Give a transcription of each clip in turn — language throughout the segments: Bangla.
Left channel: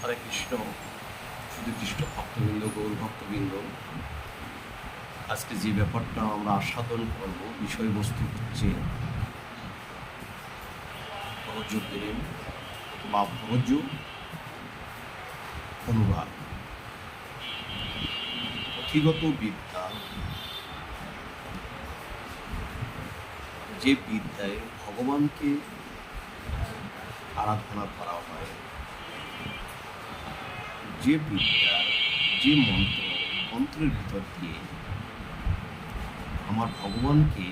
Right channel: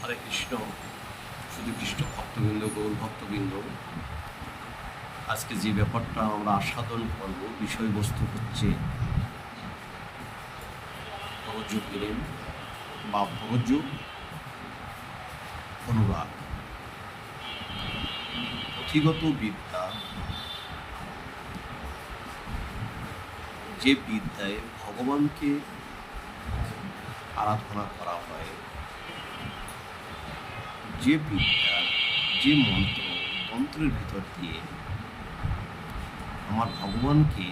হরে কৃষ্ণ, শুধু কৃষ্ণ ভক্তবৃন্দ, গৌর ভক্তবৃন্দ, আজকে যে ব্যাপারটা আমরা আস্বাদন করব, বিষয়বস্তু হচ্ছে ভরজ প্রেম বা ভরজ অনুরাগ। পুঁথিগত বিদ্যা, যে বিদ্যায় ভগবানকে আরাধনা করা হয়, যে বিদ্যার যে মন্ত্রের ভিতর দিয়ে আমার ভগবানকে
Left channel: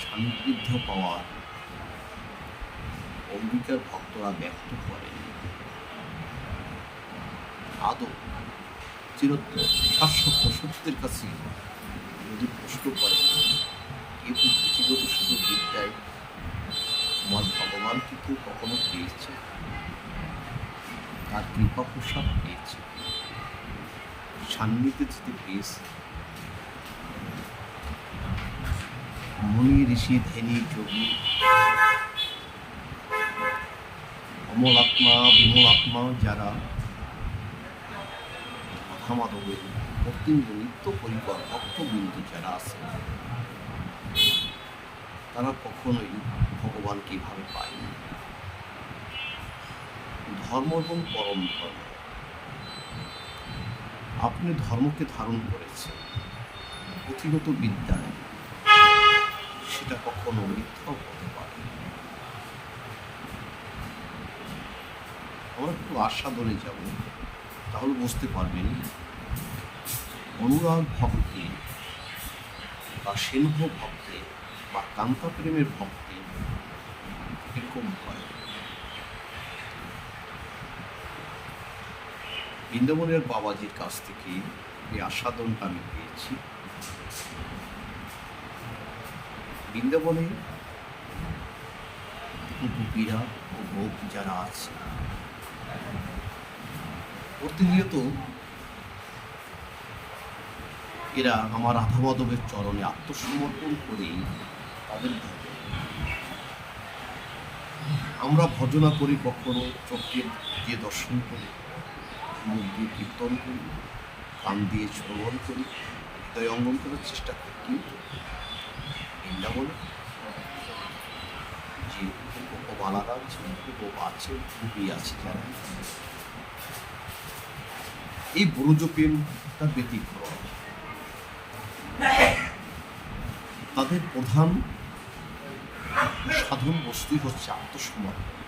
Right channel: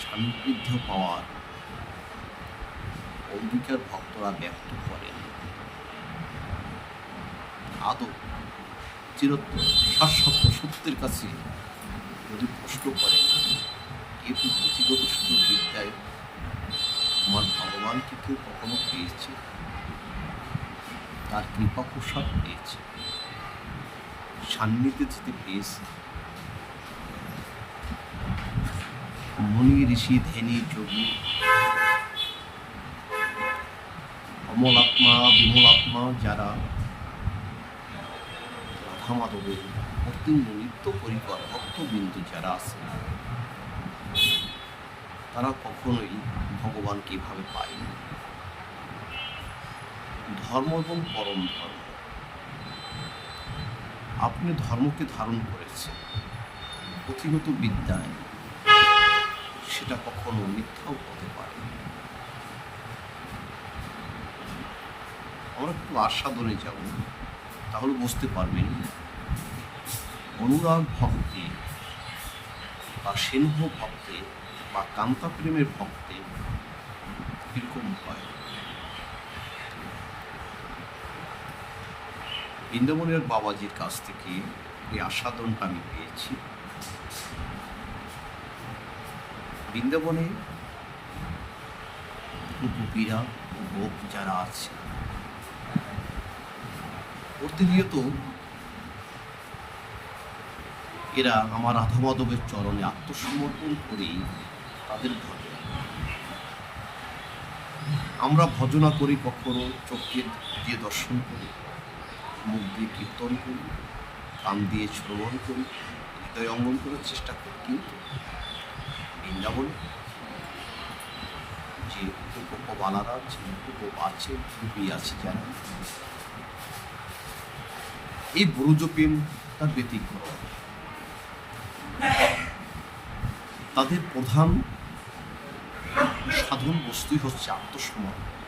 সান্নিধ্য পাওয়ার অঙ্গীকার ভক্তরা ব্যক্ত করেন, আদৌ চিরত্ব শাশ্বত সত্যের কাছে যদি প্রশ্ন করেন, কিন্তু পুঁথিগত শুধু বিদ্যায় আমার ভগবানকে কেউ কখনো পেয়েছে, তার কৃপা প্রসাদ পেয়েছে, সান্নিধ্যে যেতে পেয়েছে? মুনি ঋষি ধ্যানী যোগী অমলাত্মা বিমলাত্মা যারা রাধা মাধবের অত্যন্ত নিত্য পরিকর ভক্তবিন্দু যারা আছে, তারা কখনোই ভগবানকে এভাবে পায়নি। ধর্ম এবং পরম ধর্ম, আপনি ধর্মকে ধারণ করেছেন, পুঁথিগত বিদ্যায় সেটা কখনো মিথ্যাও হতে পারে। আমরা একটু আস্বাদনে যাব, তাহলে বুঝতে পারবেন অনুরাগ ভক্তে বা সিংহ ভক্তে বা কান্তা প্রেমের ভক্তে এরকম হয়। বৃন্দাবনের বাবাজির কাছ থেকে এই আস্বাদনটা আমি পেয়েছি। বৃন্দাবনে গোপীরা ও গোপ যারা আছে, প্রতিনিয়ত এরা আমার রাধা মাধবের চরণে আত্মসমর্পণ করেই তাদের ভজন। আমরা ভজনা করি কখনো চোখে দিয়ে দর্শন করি, মুখ দিয়ে কীর্তন করি, কান দিয়ে শ্রবণ করি, হৃদয় অঙ্গন করার চেষ্টা করি, কিন্তু বৃন্দাবনে যে গোপবালারা আছে, গোপ আছে, গোপী আছে, যারা এই ব্রজ প্রেম তার ব্যতিক্রম। তাদের প্রধান সাধন বস্তুই হচ্ছে আত্মসমর্পণ।